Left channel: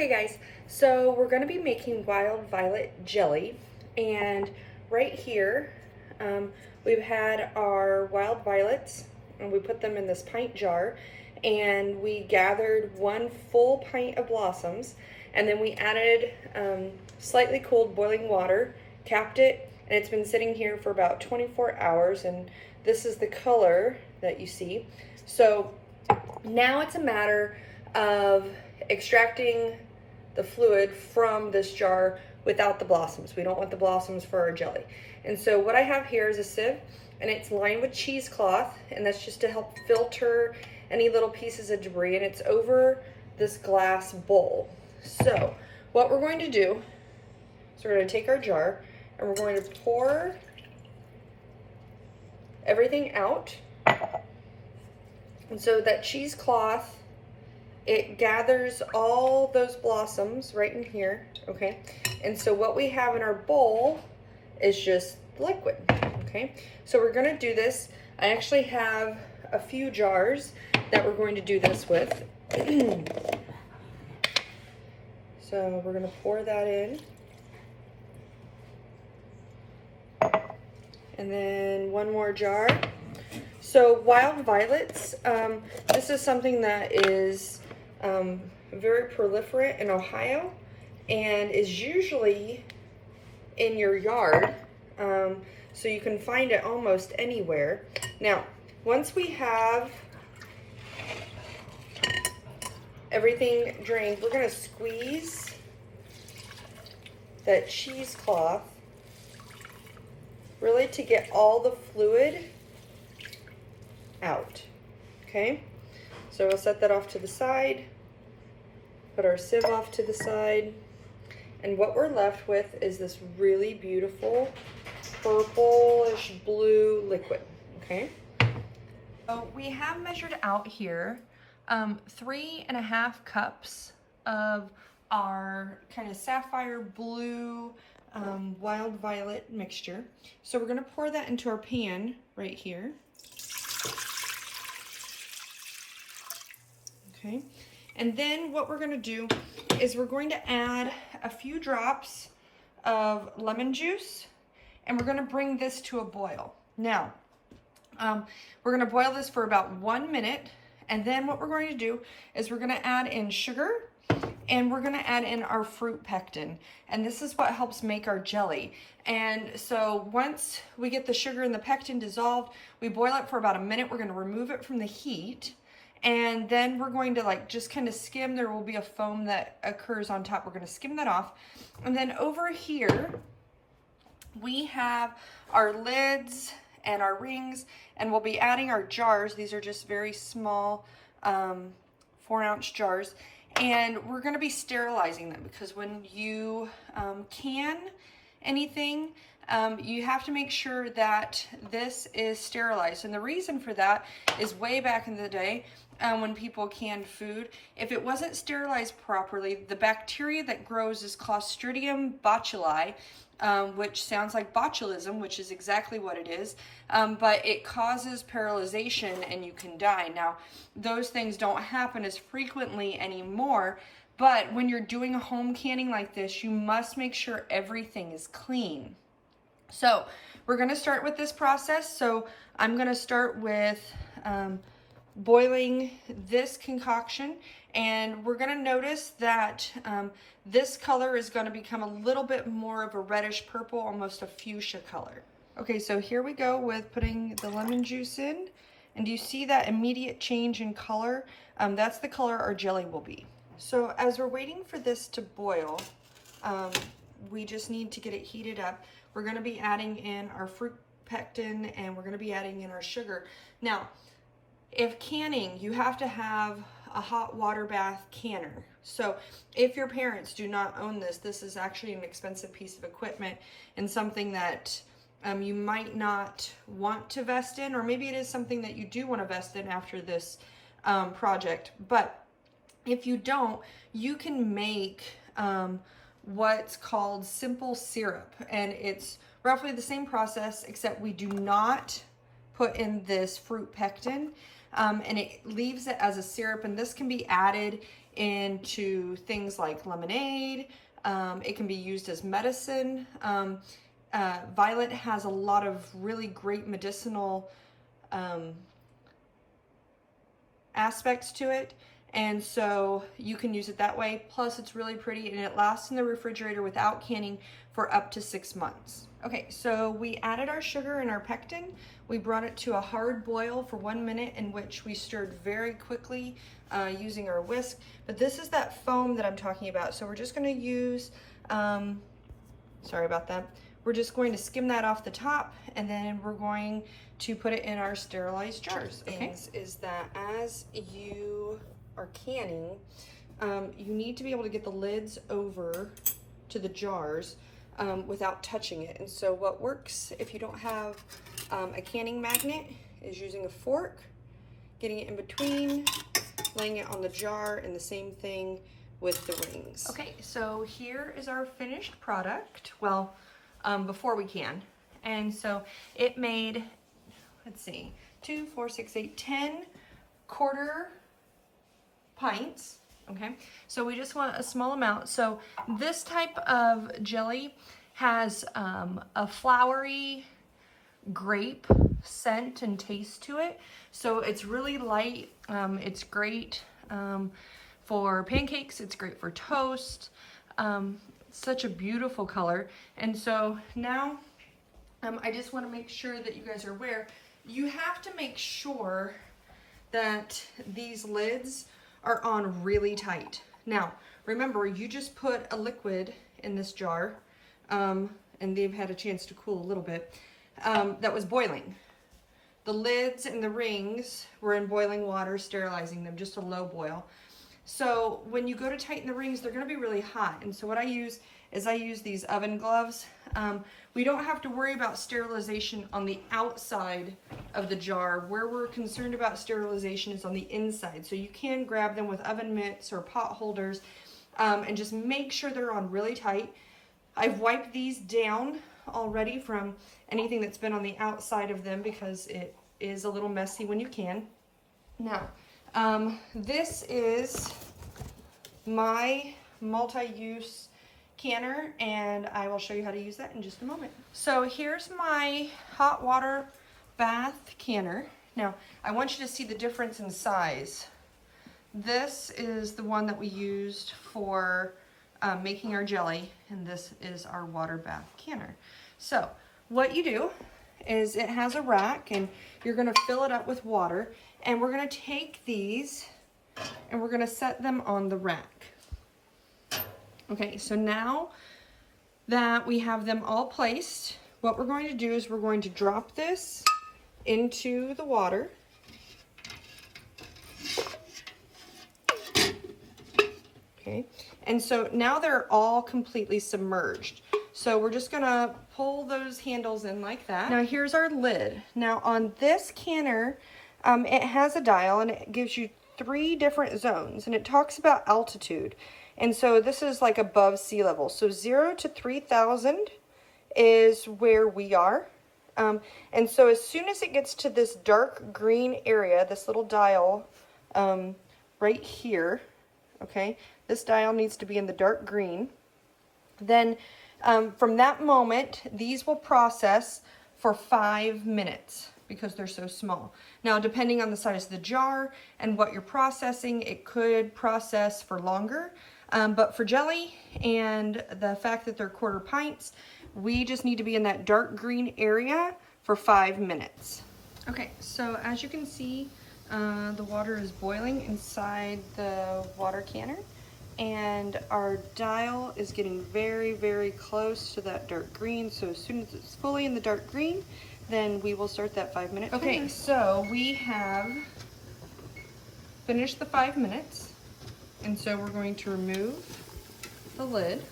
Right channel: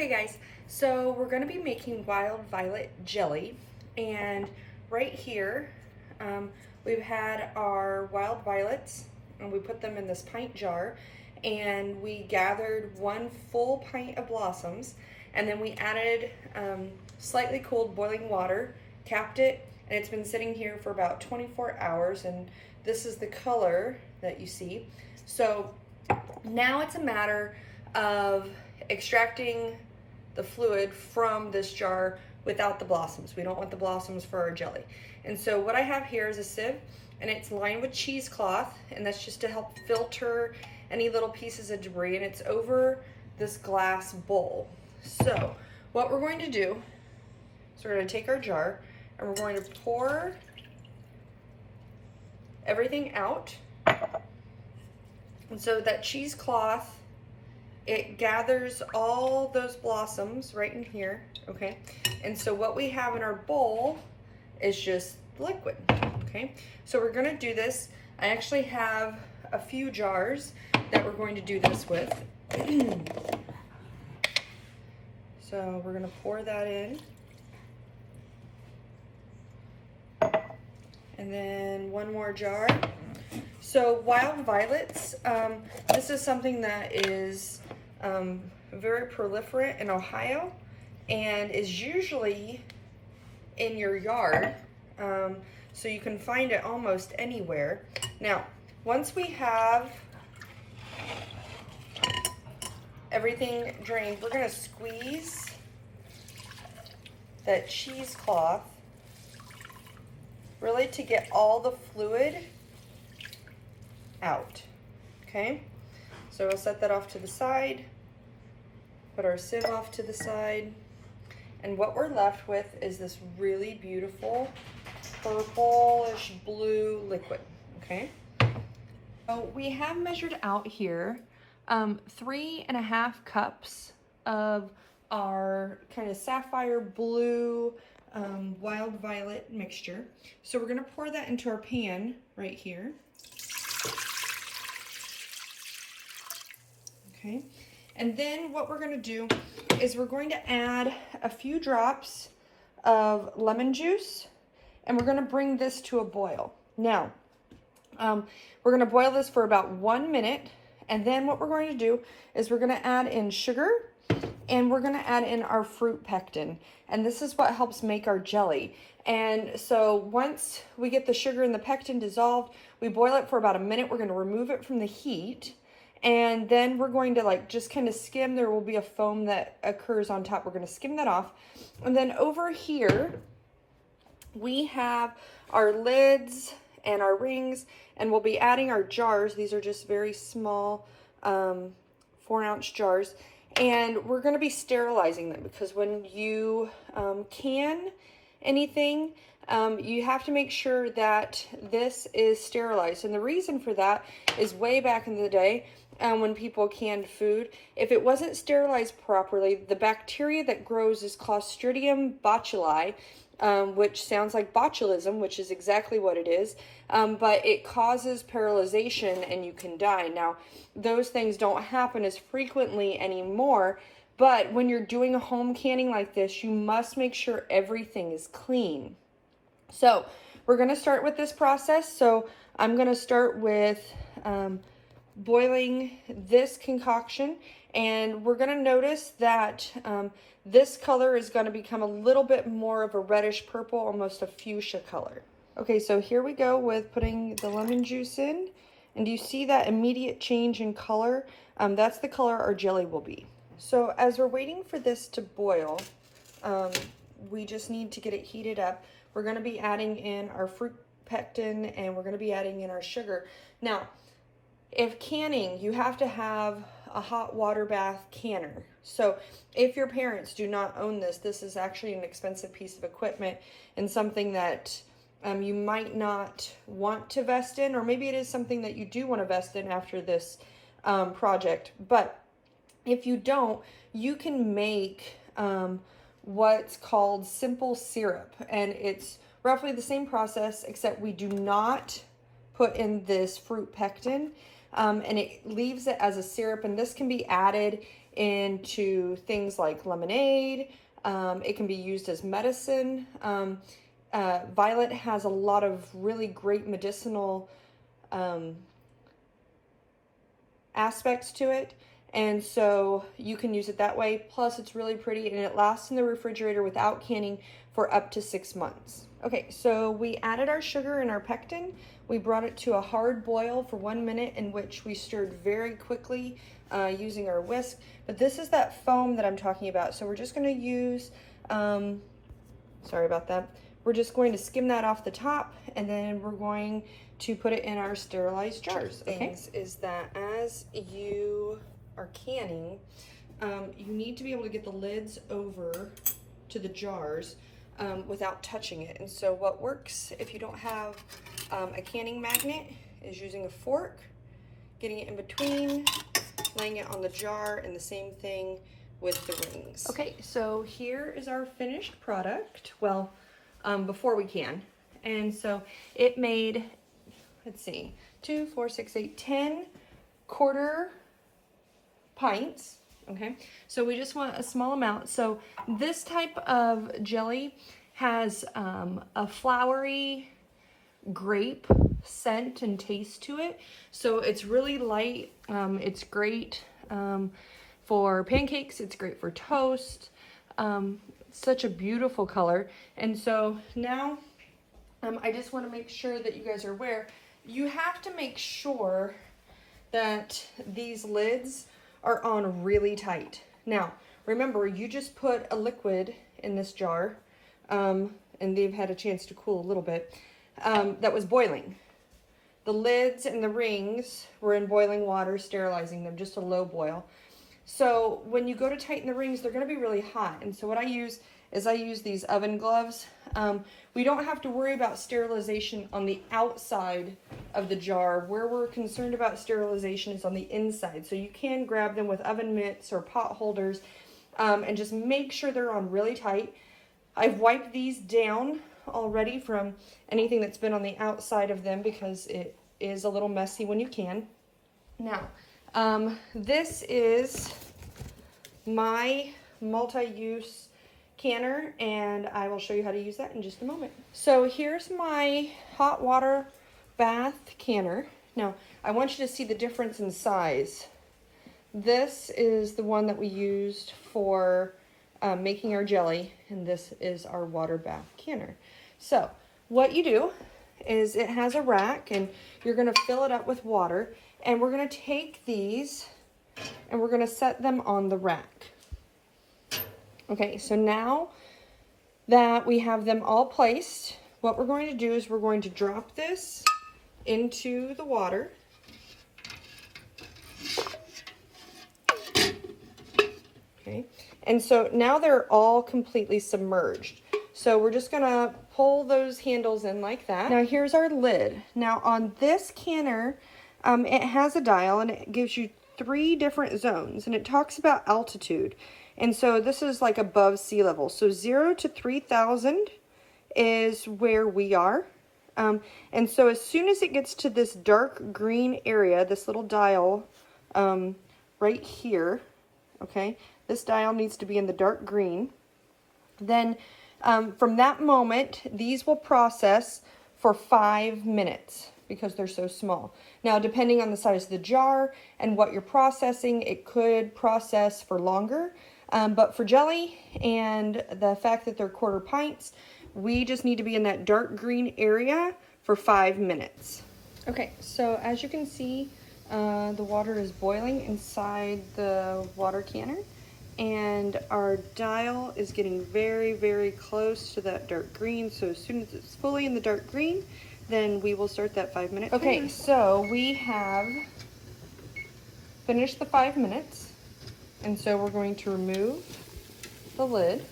Okay guys, so we're going to be making wild violet jelly, and right here we've had our wild violets and we put them in this pint jar, and we gathered 1 full pint of blossoms, and then we added slightly cooled boiling water, capped it, and it's been sitting here for about 24 hours, and this is the color that you see. So now it's a matter of extracting the fluid from this jar without the blossoms. We don't want the blossoms for our jelly. And so what I have here is a sieve, and it's lined with cheesecloth, and that's just to help filter any little pieces of debris, and it's over this glass bowl. So what we're going to do is we're going to take our jar and we're going to pour everything out. And so that cheesecloth, it gathers all those blossoms right in here, okay? And so what we have in our bowl is just liquid, okay? So we're gonna do this. I actually have a few jars that we're going to do this with. So we're gonna pour that in. And then one more jar. So wild violets, this is something that is very proliferate in Ohio and is usually in your yard, so you can find it almost anywhere. Now, once we have everything drained, we're going to squeeze that cheesecloth really to get all the fluid out, okay? So we'll set that off to the side, put our sieve off to the side, and what we're left with is this really beautiful purplish blue liquid, okay? So we have measured out here 3.5 cups of our kind of sapphire blue wild violet mixture. So we're gonna pour that into our pan right here. Okay, and then what we're going to do is we're going to add a few drops of lemon juice, and we're going to bring this to a boil. Now, we're going to boil this for about 1 minute, and then what we're going to do is we're going to add in sugar, and we're going to add in our fruit pectin, and this is what helps make our jelly. And so once we get the sugar and the pectin dissolved, we boil it for about 1 minute. We're going to remove it from the heat, and then we're going to just kind of skim. There will be a foam that occurs on top. We're going to skim that off. And then over here, we have our lids and our rings, and we'll be adding our jars. These are just very small 4-ounce jars. And we're going to be sterilizing them, because when you can anything, you have to make sure that this is sterilized. And the reason for that is way back in the day, when people canned food, if it wasn't sterilized properly, the bacteria that grows is Clostridium botulinum, which sounds like botulism, which is exactly what it is, but it causes paralyzation and you can die. Now, those things don't happen as frequently anymore, but when you're doing a home canning like this, you must make sure everything is clean. So we're going to start with this process. So I'm going to start with boiling this concoction, and we're going to notice that this color is going to become a little bit more of a reddish purple, almost a fuchsia color. Okay, so here we go with putting the lemon juice in, and do you see that immediate change in color? That's the color our jelly will be. So as we're waiting for this to boil, we just need to get it heated up. We're going to be adding in our fruit pectin, and we're going to be adding in our sugar. Now, if canning, you have to have a hot water bath canner. So if your parents do not own this, this is actually an expensive piece of equipment and something that you might not want to vest in, or maybe it is something that you do want to vest in after this project. But if you don't, you can make what's called simple syrup, and it's roughly the same process, except we do not put in this fruit pectin, and it leaves it as a syrup, and this can be added into things like lemonade. It can be used as medicine. Violet has a lot of really great medicinal aspects to it, and so you can use it that way. Plus it's really pretty and it lasts in the refrigerator without canning for up to 6 months. Okay, so we added our sugar and our pectin. We brought it to a hard boil for 1 minute, in which we stirred very quickly using our whisk. But this is that foam that I'm talking about, so we're just going to use sorry about that. We're just going to skim that off the top, and then we're going to put it in our sterilized jars. Okay, is that as you are canning, you need to be able to get the lids over to the jars without touching it. And so what works if you don't have a canning magnet is using a fork, getting it in between, laying it on the jar, and the same thing with the rings. Okay, so here is our finished product. Well, before we can. And so it made, let's see, 2, 4, 6, 8, 10 quarter pints. Okay, so we just want a small amount. So this type of jelly has a flowery grape scent and taste to it. So it's really light. It's great for pancakes. It's great for toast. Such a beautiful color. And so now I just want to make sure that you guys are aware, you have to make sure that these lids are on really tight. Now remember, you just put a liquid in this jar, and they've had a chance to cool a little bit, that was boiling. The lids and the rings were in boiling water, sterilizing them, just a low boil. So when you go to tighten the rings, they're going to be really hot. And so what I use is I use these oven gloves. We don't have to worry about sterilization on the outside of the jar. Where we're concerned about sterilization is on the inside. So you can grab them with oven mitts or pot holders, and just make sure they're on really tight. I've wiped these down already from anything that's been on the outside of them, because it is a little messy when you can. Now, this is my multi-use canner, and I will show you how to use that in just a moment. So here's my hot water bath canner. Now, I want you to see the difference in size. This is the one that we used for making our jelly, and this is our water bath canner. So what you do is, it has a rack, and you're going to fill it up with water, and we're going to take these and we're going to set them on the rack. Okay, so now that we have them all placed, what we're going to do is we're going to drop this into the water. Okay, and so now they're all completely submerged. So we're just gonna pull those handles in like that. Now here's our lid. Now on this canner, it has a dial, and it gives you 3 different zones, and it talks about altitude. And so this is like above sea level. So 0 to 3,000 is where we are. And so as soon as it gets to this dark green area, this little dial right here, okay, this dial needs to be in the dark green. Then from that moment, these will process for 5 minutes because they're so small. Now, depending on the size of the jar and what you're processing, it could process for longer. But for jelly and the fact that they're quarter pints, we just need to be in that dark green area for 5 minutes. Okay, so as you can see, the water is boiling inside the water canner, and our dial is getting very, very close to that dark green. So as soon as it's fully in the dark green, then we will start that 5-minute timer. Okay, so we have finished the 5 minutes, and so we're going to remove the lid.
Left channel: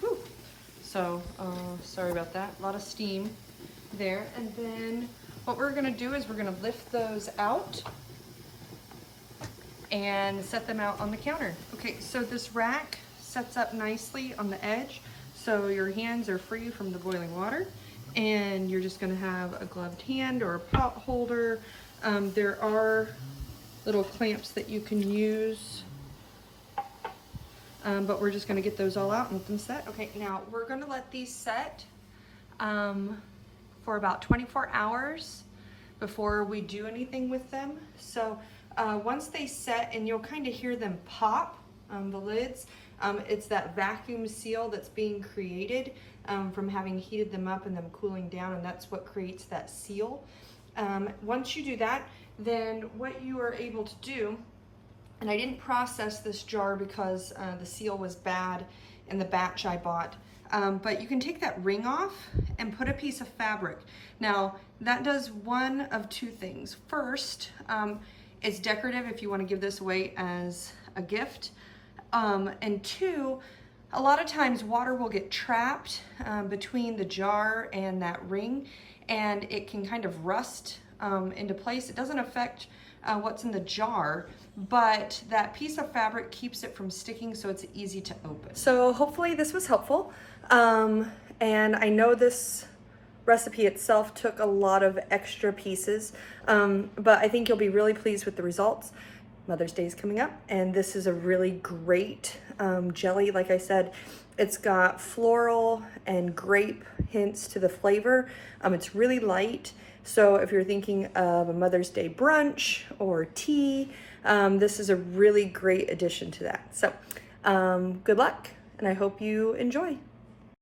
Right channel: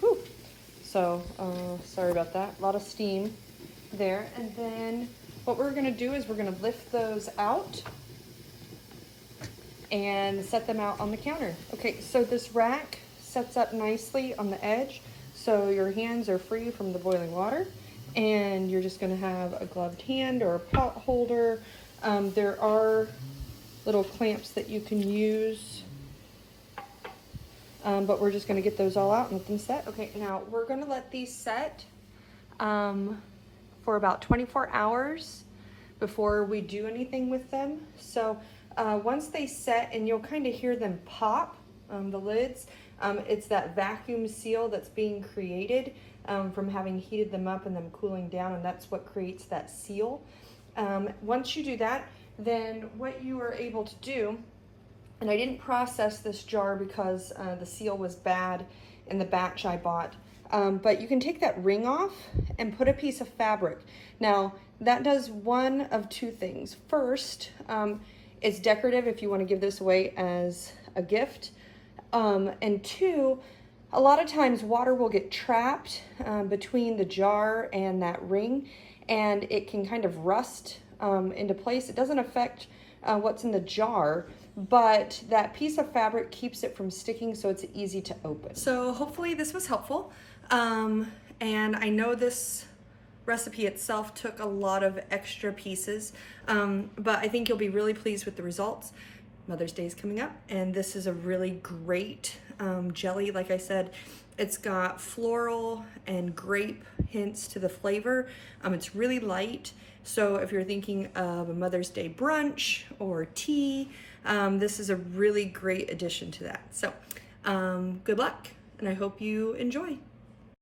Whew. So, sorry about that, a lot of steam there. And then what we're gonna do is we're gonna lift those out and set them out on the counter. Okay, so this rack sets up nicely on the edge, so your hands are free from the boiling water, and you're just gonna have a gloved hand or a pot holder. There are little clamps that you can use but we're just gonna get those all out and let them set. Okay, now we're gonna let these set for about 24 hours before we do anything with them. So once they set, and you'll kind of hear them pop, the lids, it's that vacuum seal that's being created from having heated them up and them cooling down, and that's what creates that seal. Once you do that, then what you are able to do, and I didn't process this jar because the seal was bad in the batch I bought, but you can take that ring off and put a piece of fabric. Now, that does one of two things. First, it's decorative if you want to give this away as a gift. And two, a lot of times water will get trapped between the jar and that ring, and it can kind of rust into place. It doesn't affect what's in the jar, but that piece of fabric keeps it from sticking, so it's easy to open. So hopefully this was helpful. And I know this recipe itself took a lot of extra pieces, but I think you'll be really pleased with the results. Mother's Day is coming up, and this is a really great jelly. Like I said, it's got floral and grape hints to the flavor. It's really light, so if you're thinking of a Mother's Day brunch or tea, this is a really great addition to that. So good luck, and I hope you enjoy.